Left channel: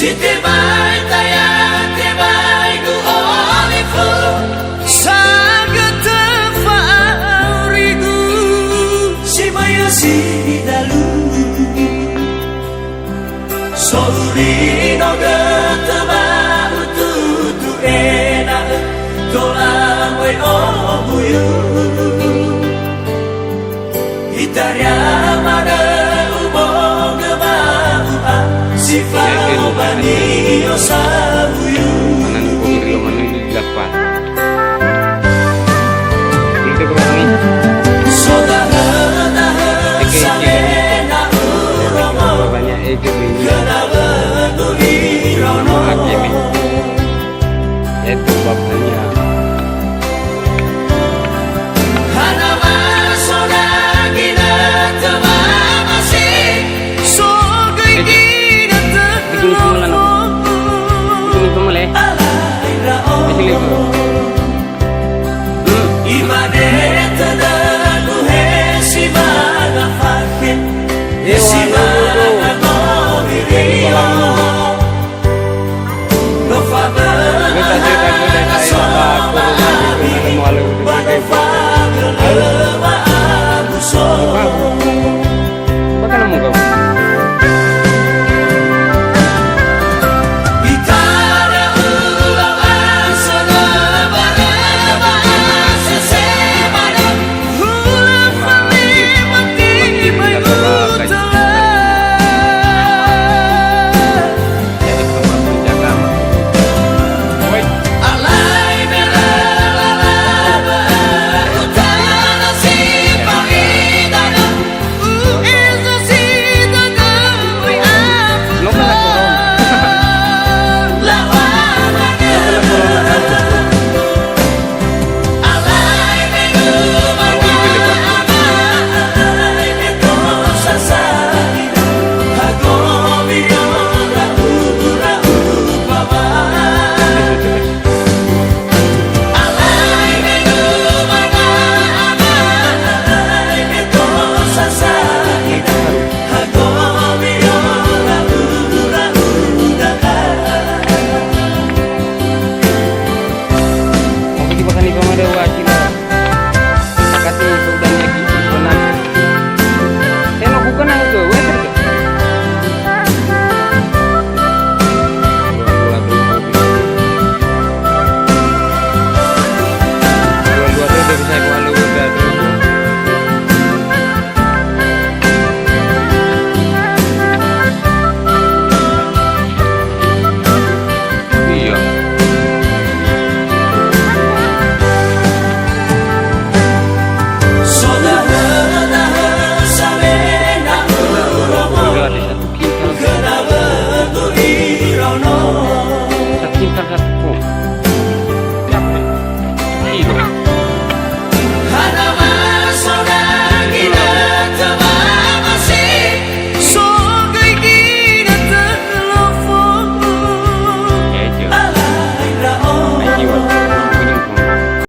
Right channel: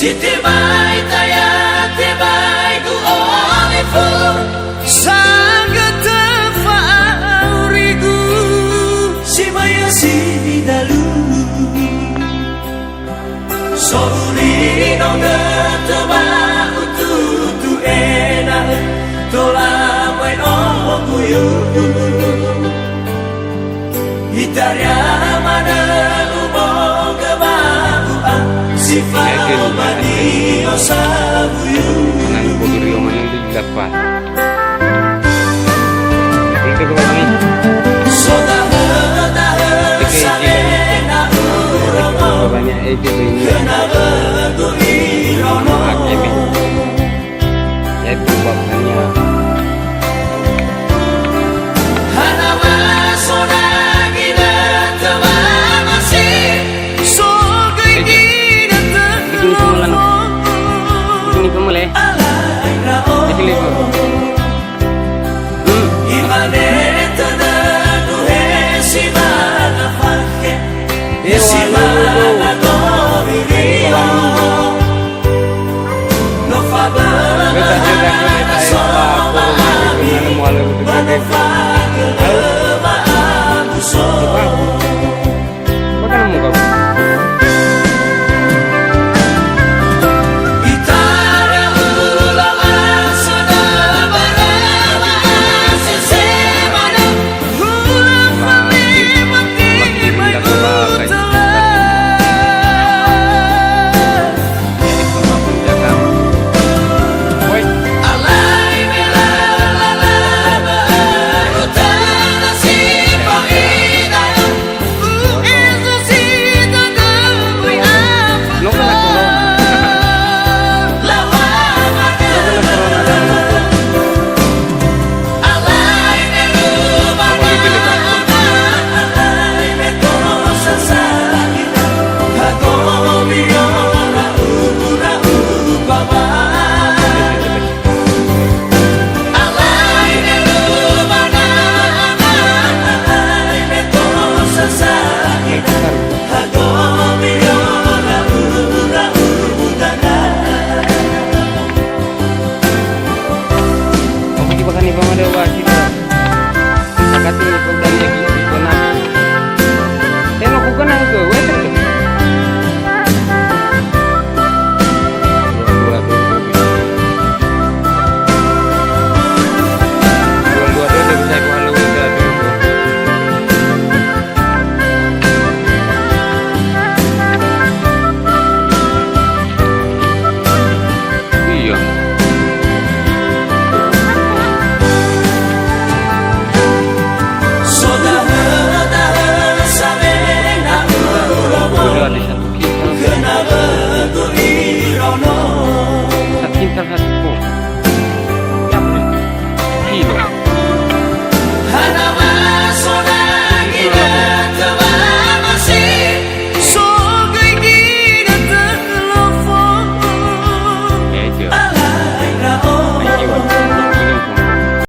Si tebay taya tebay ku olifu sagata faurigu si maya si dalu Sori no geteba ututu enak tola moy obuyu Itaria mana ubo gebaua sifat bani osabuyu Anan pogirio mana dilapat Itu ke kami Saudara samena uromo banyak ejek ini kenapa guirono hakimi yaitu babnya hanawa sona gina tewa masih so gina begini pemulan begini pemulai di sini bu imane tenadu hesi mana fakhe Kita cerita kita saya nama corona itu mana mualu itu gede. Ayo, apa nemu kau? Bahkan ibu ada wakil, agak tinggi pegangnya ibu nabi. Tengok bukan yang ke, weter ke? Dua bisa ibu halu udah dulu. Iya. Ada satu kintal satu kilo